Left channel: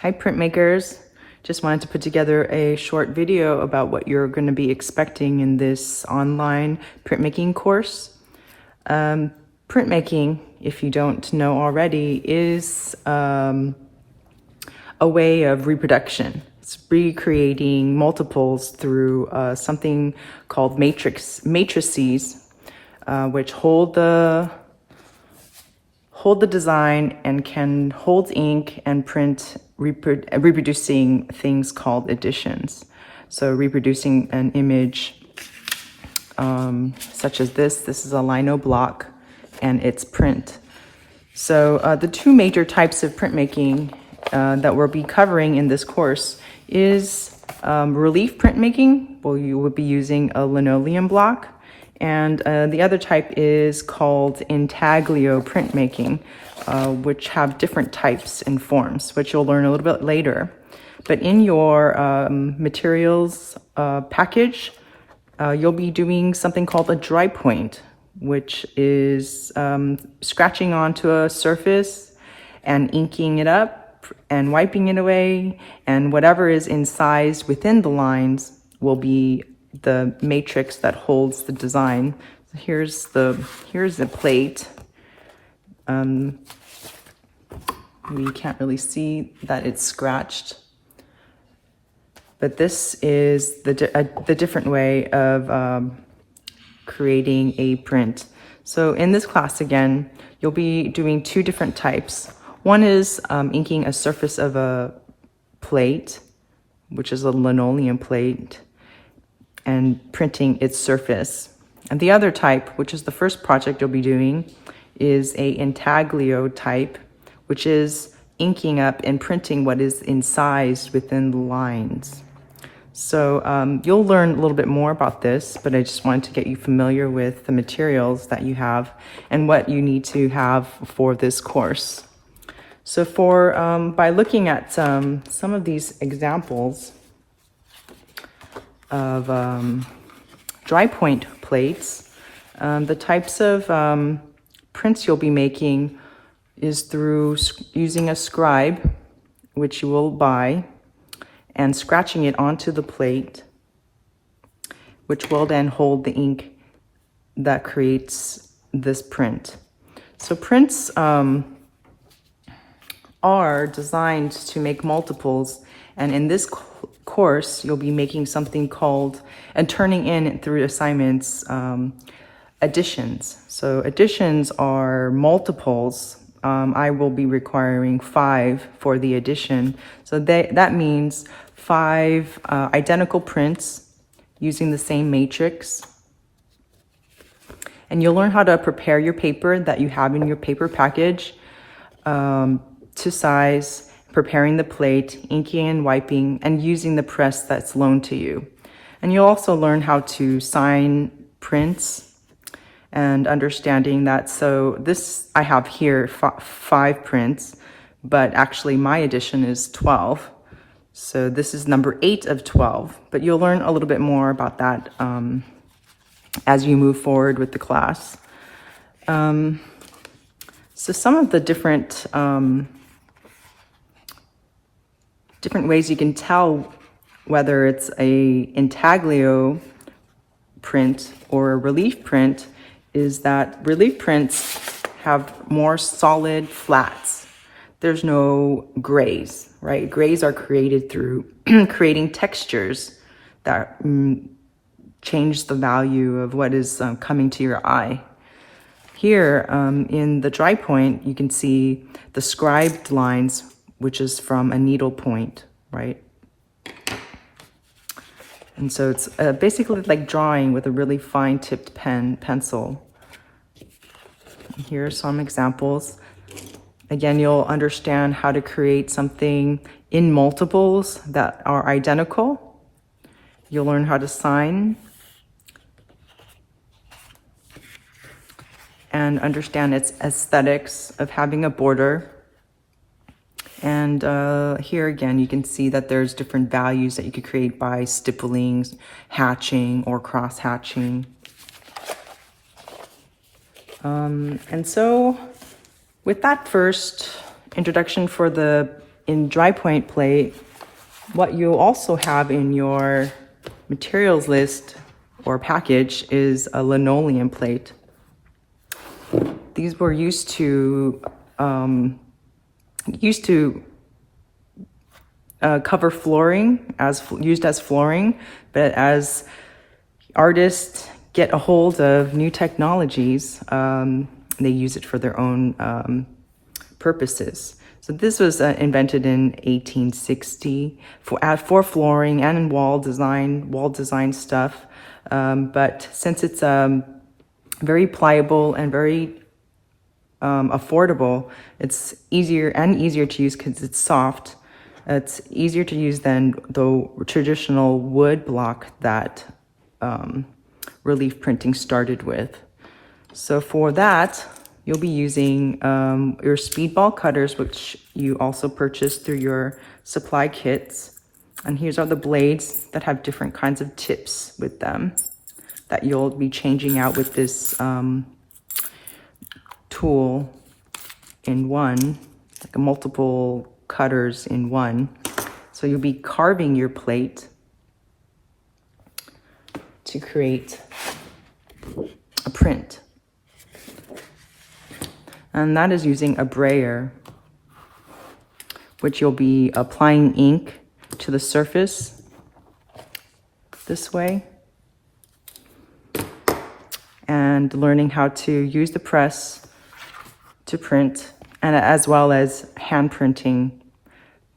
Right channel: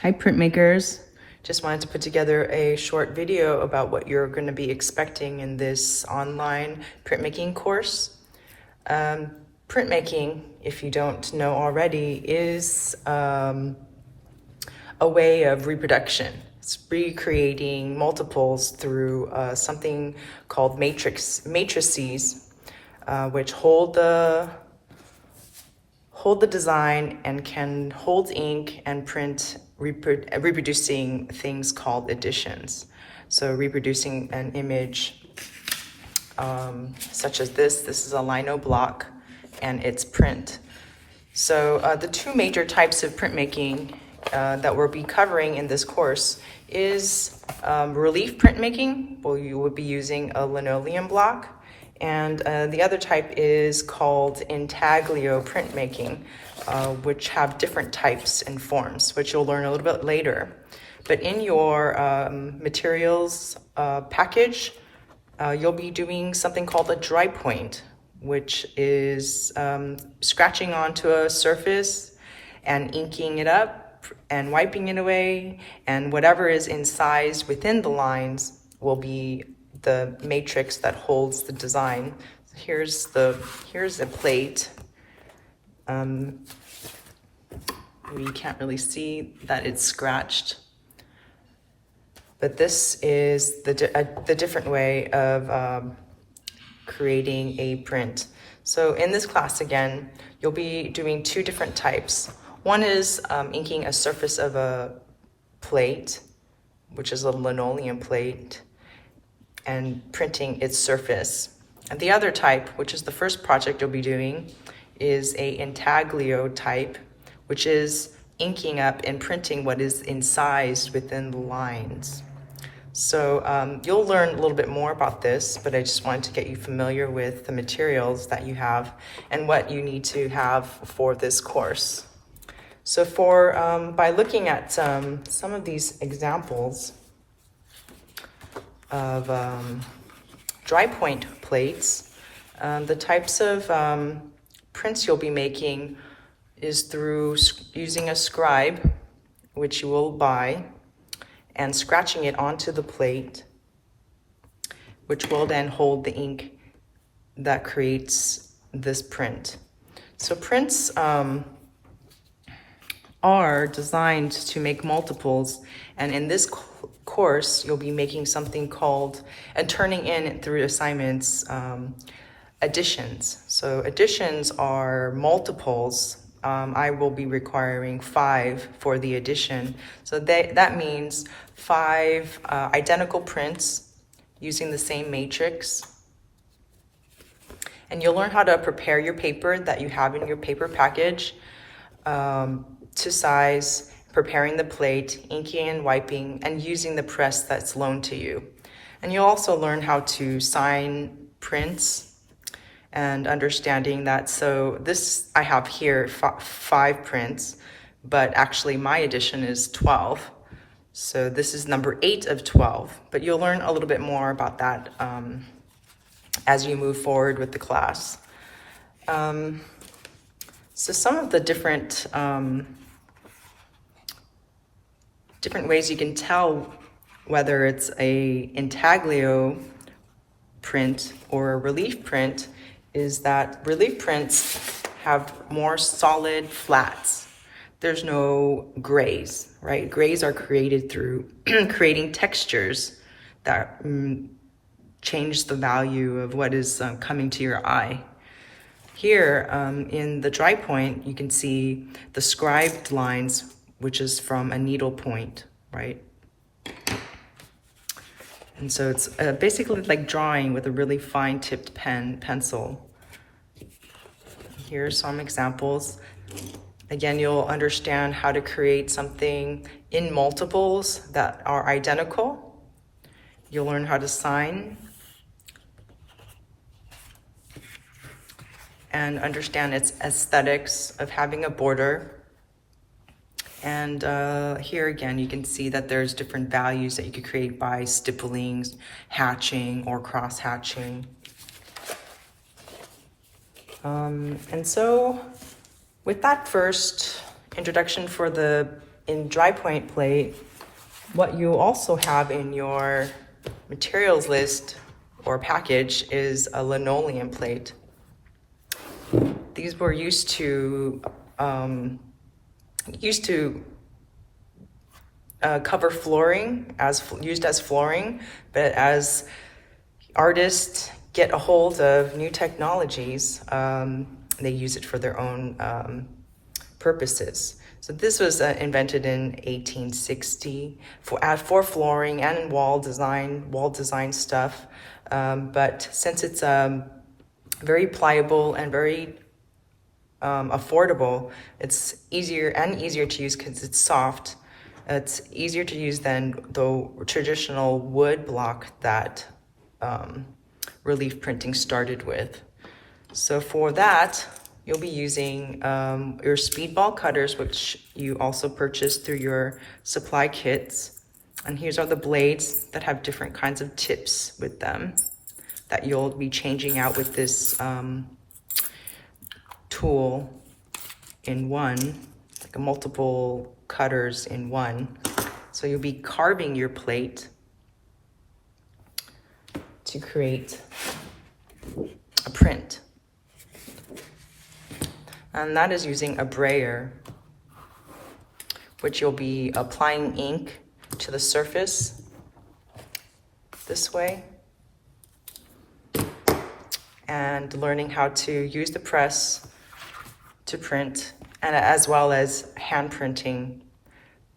Hi printmakers, just wanted to put together a short video about what you're going to be expecting in this online printmaking course. Printmaking, if you don't know already, is a way of reproduction. It's recreating multiples through something called matrices, which hold the design and can hold ink and print reproducing things called editions. So reproducing an image such as this is a lino block and it's print. So the two major types of printmaking that we'll be covering in this course is relief printmaking. Well, you would be using a linoleum block. And the other type is called intaglio printmaking, which have different types and forms, which you'll learn a little bit later. But in your materials package, you'll be doing something called a dry point, which is scratching onto a surface and inking it up and wiping it away, and whatever is incised within the lines will be the matrix that holds the design. Here's the plate. We can't really see that it's scratched, but this is the different way of creating a print. So in this class again, you'll be doing two different types. One is inking a surface of a plate, which is a linoleum plate, and printing its surface. And the other type, which is the first project you'll be doing, is a intaglio type, which is inking up and printing what is incised within the lines. So you'll learn a little bit more about this, but I just wanted to get you familiar with the materials that you have and what you need to have for this course. So by looking at some of these examples of dry point plates, the types of prints you'll be making is through using a scribe, which you will buy, and scratching it onto the plate, which will then hold the ink that creates this print. So prints are designed to make multiples, and in this course you'll be making something called, and turning in through assignments, additions. So additions are multiples. I will be requiring 5 for the addition. So that means 5 identical prints using the same matrix. And you'll learn how to prepare your paper that you have in your paper package to size, preparing the plate, inking and wiping, and using the press that's loaned to you. And you'll also learn how to sign prints and understanding that. So this, I have here 5 prints, but actually my edition is 12. So this is number 8 of 12, but you'll learn a little bit more about that as you move forward with the class. So some of the different ways you can tell whether it's a intaglio print or a relief print is that relief prints have more solid flats. There's no grays, right? Grays are created through creating textures that change the value of what is coming to your eye. Here in the dry point, you can see the scribed lines, which is from a needle point, right? And so it's basically like drawing with a really fine tipped pencil. Here are some examples. Again, you'll understand how to create something in multiples that are identical. You'll learn how to sign and understand its aesthetics of having a border. And here again, you can see that there's different values that you could create by stippling, hatching, or cross hatching. And so with that first introduction for the in dry point plate, what you'll also have in your materials list or package is a linoleum plate. These were used to cover flooring, used as flooring, but as artists get a hold of new technologies, they use it for their own purposes. So this was invented in 1860 for flooring and in wall design stuff. But since it's very pliable and very affordable, it's easier to use because it's soft. It's easier to use than the traditional wood block that relief printing started with. So for that, you'll be using your speedball cutters, which you also purchase through your supply kits. And here's are the blades that have different kinds of tips with them that you'll be changing out with this tool in one, like multiple cutters in one. So you'll be carving your plate to create a print. And that is using a brayer, which you'll be applying ink to the surface this way and learning how to use the press to print, and as well as hand printing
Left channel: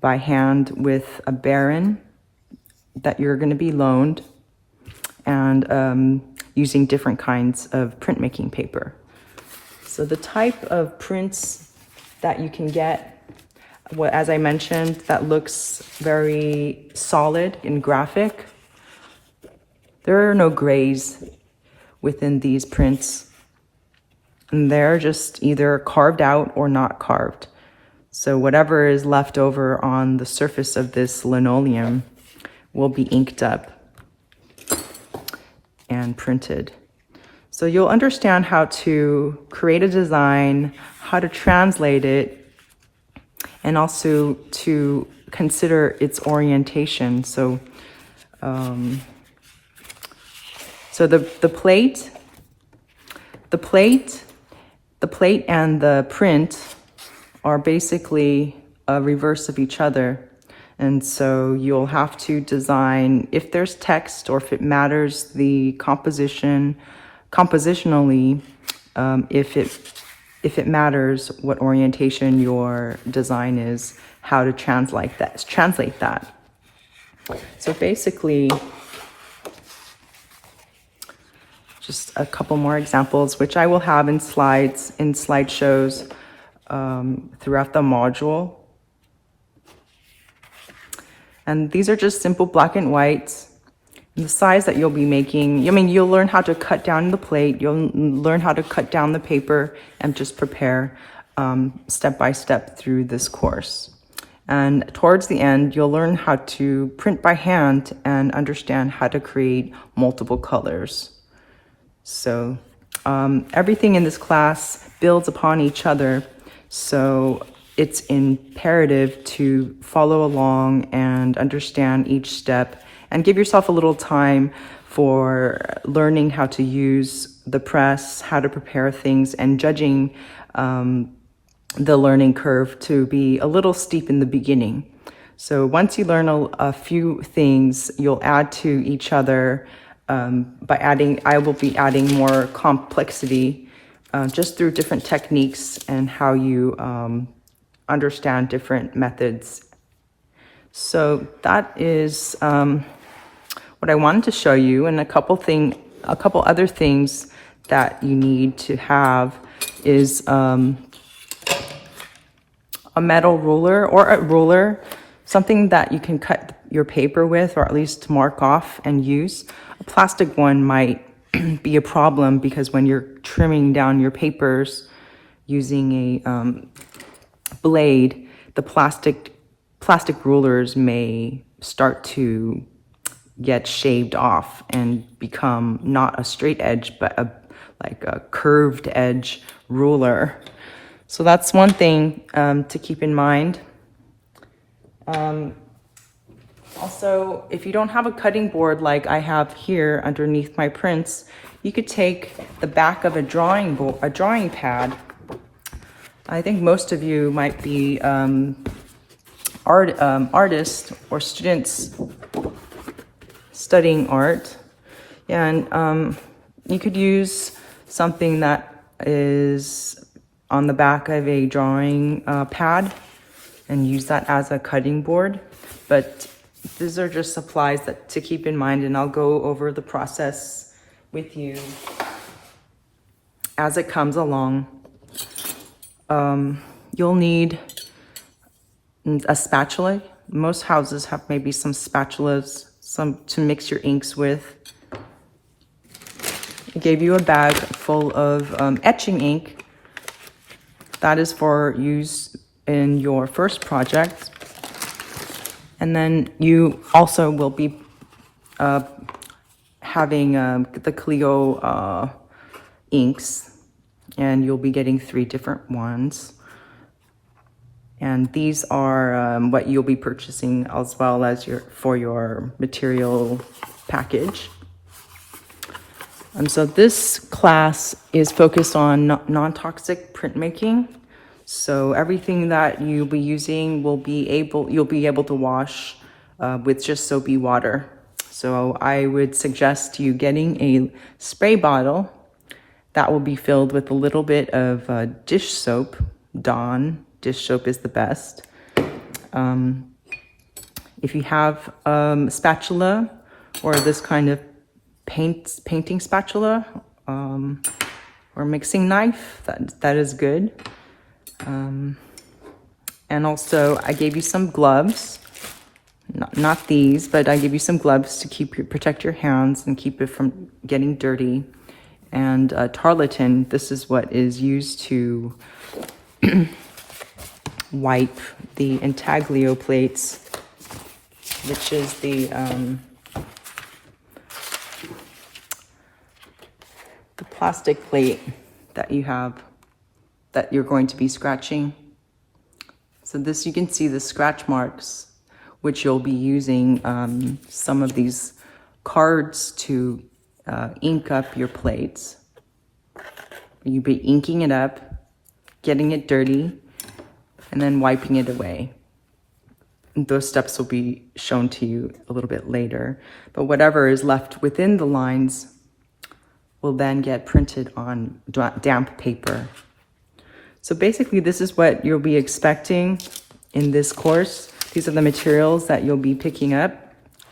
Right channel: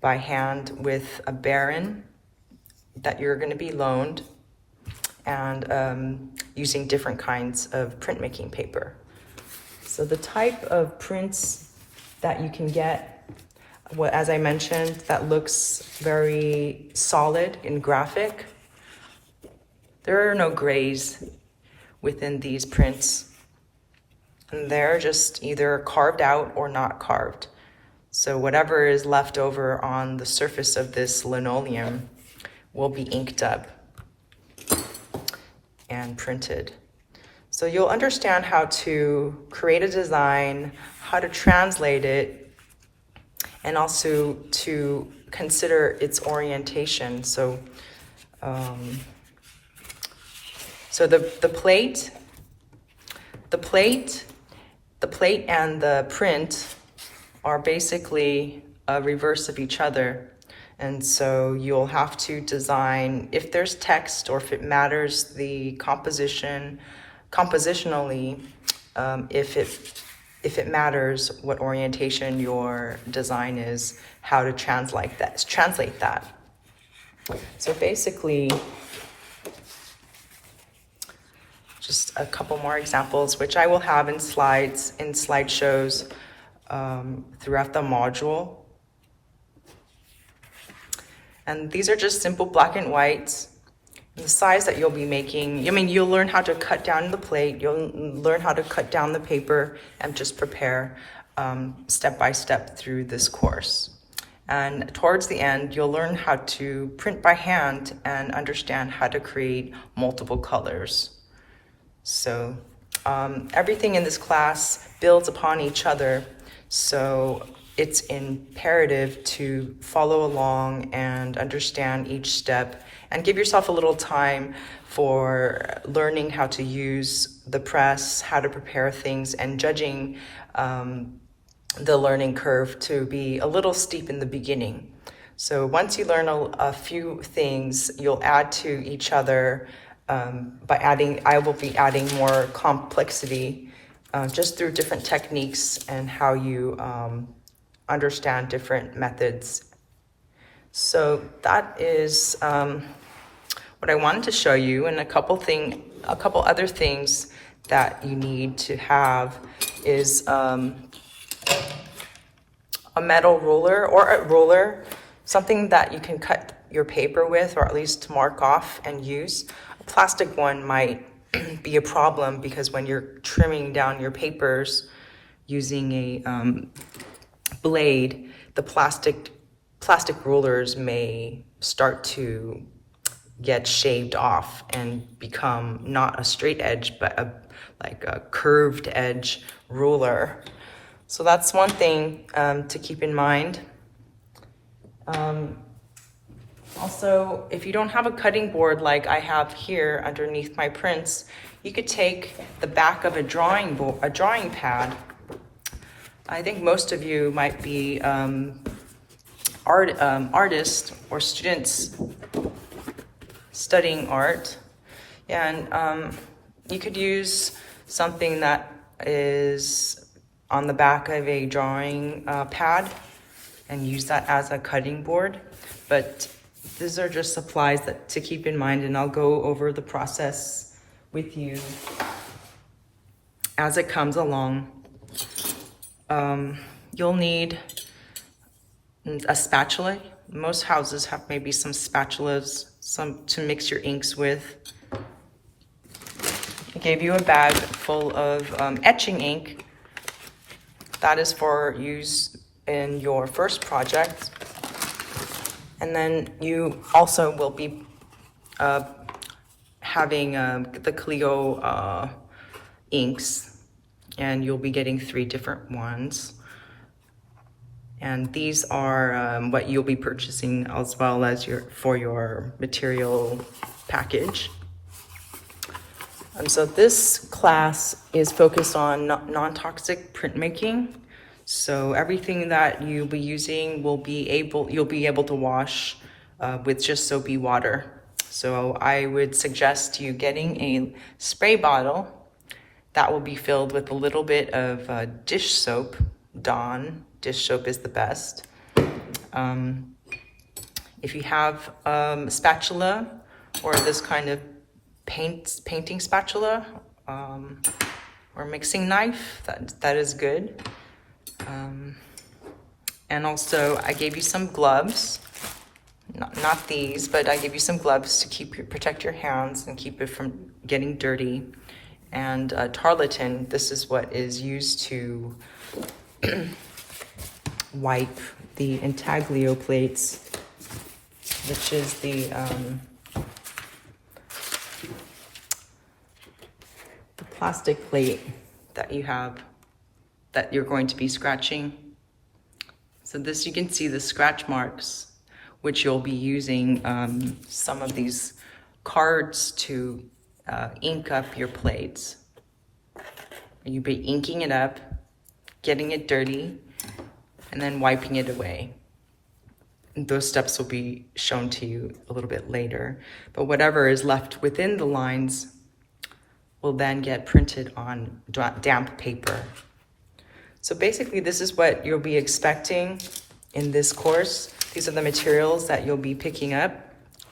by hand with a baron that you're going to be loaned, and using different kinds of printmaking paper. So the type of prints that you can get, as I mentioned, that looks very solid and graphic. There are no grays within these prints, and they're just either carved out or not carved. So whatever is left over on the surface of this linoleum will be inked up and printed. So you'll understand how to create a design, how to translate it, and also to consider its orientation. So, the plate and the print are basically a reverse of each other. And so you'll have to design, if there's text or if it matters, the compositionally, if it matters what orientation your design is, how to translate that. So basically, just a couple more examples, which I will have in slideshows throughout the module. And these are just simple black and whites. The size that you'll be making, you'll learn how to cut down the plate, you'll learn how to cut down the paper, and just prepare step by step through this course. And towards the end, you'll learn how to print by hand and understand how to create multiple colors. So everything in this class builds upon each other. So it's imperative to follow along and understand each step, and give yourself a little time for learning how to use the press, how to prepare things, and judging the learning curve to be a little steep in the beginning. So once you learn a few things, you'll add to each other I will be adding more complexity just through different techniques and how you understand different methods. So that is what I wanted to show you, and a couple other things that you need to have is a metal ruler or a ruler, something that you can cut your paper with, or at least mark off and use. A plastic one might be a problem because when you're trimming down your papers using a blade, the plastic rulers may start to get shaved off and become not a straight edge, but like a curved edge ruler. So that's one thing to keep in mind. Also, if you don't have a cutting board like I have here underneath my prints, you could take the back of a drawing board, a drawing pad. I think most of you might be artists or students studying art, and you could use something that is on the back of a drawing pad and use that as a cutting board. But these are just supplies that to keep in mind, and I'll go over the process with you as it comes along. You'll need a spatula. Most houses have maybe some spatulas, some to mix your inks with. I gave you a bag full of etching ink. That is for use in your first project. And then you also will be having the Clio inks, and you'll be getting 3 different ones. And these are what you'll be purchasing as well as for your material package. And so this class is focused on non-toxic printmaking. So everything that you'll be using you'll be able to wash with just soapy water. So I would suggest you getting a spray bottle that will be filled with a little bit of dish soap. Dawn dish soap is the best. If you have spatula or this kind of painting spatula or mixing knife, that is good. And also I gave you some gloves, not these, but I gave you some gloves to protect your hands and keep it from getting dirty. And tarlatan, this is what is used to wipe the intaglio plates, which is the plastic plate that you have that you're going to be scratching. So this, you can see the scratch marks, which you'll be using some of these cards to ink up your plates. You'll be inking it up, getting it dirty, and then wiping it away. Those steps will be shown to you a little bit later. But whatever is left within the lines will then get printed on damp paper. So basically, this is what you'll be expecting in this course. These are the materials that you'll be picking up,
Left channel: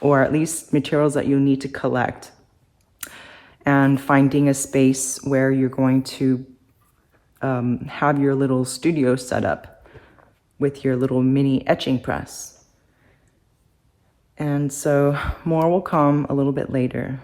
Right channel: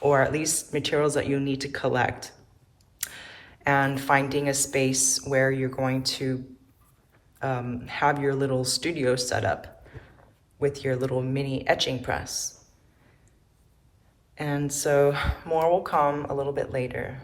or at least materials that you'll need to collect, and finding a space where you're going to have your little studio set up with your little mini etching press. And so more will come a little bit later.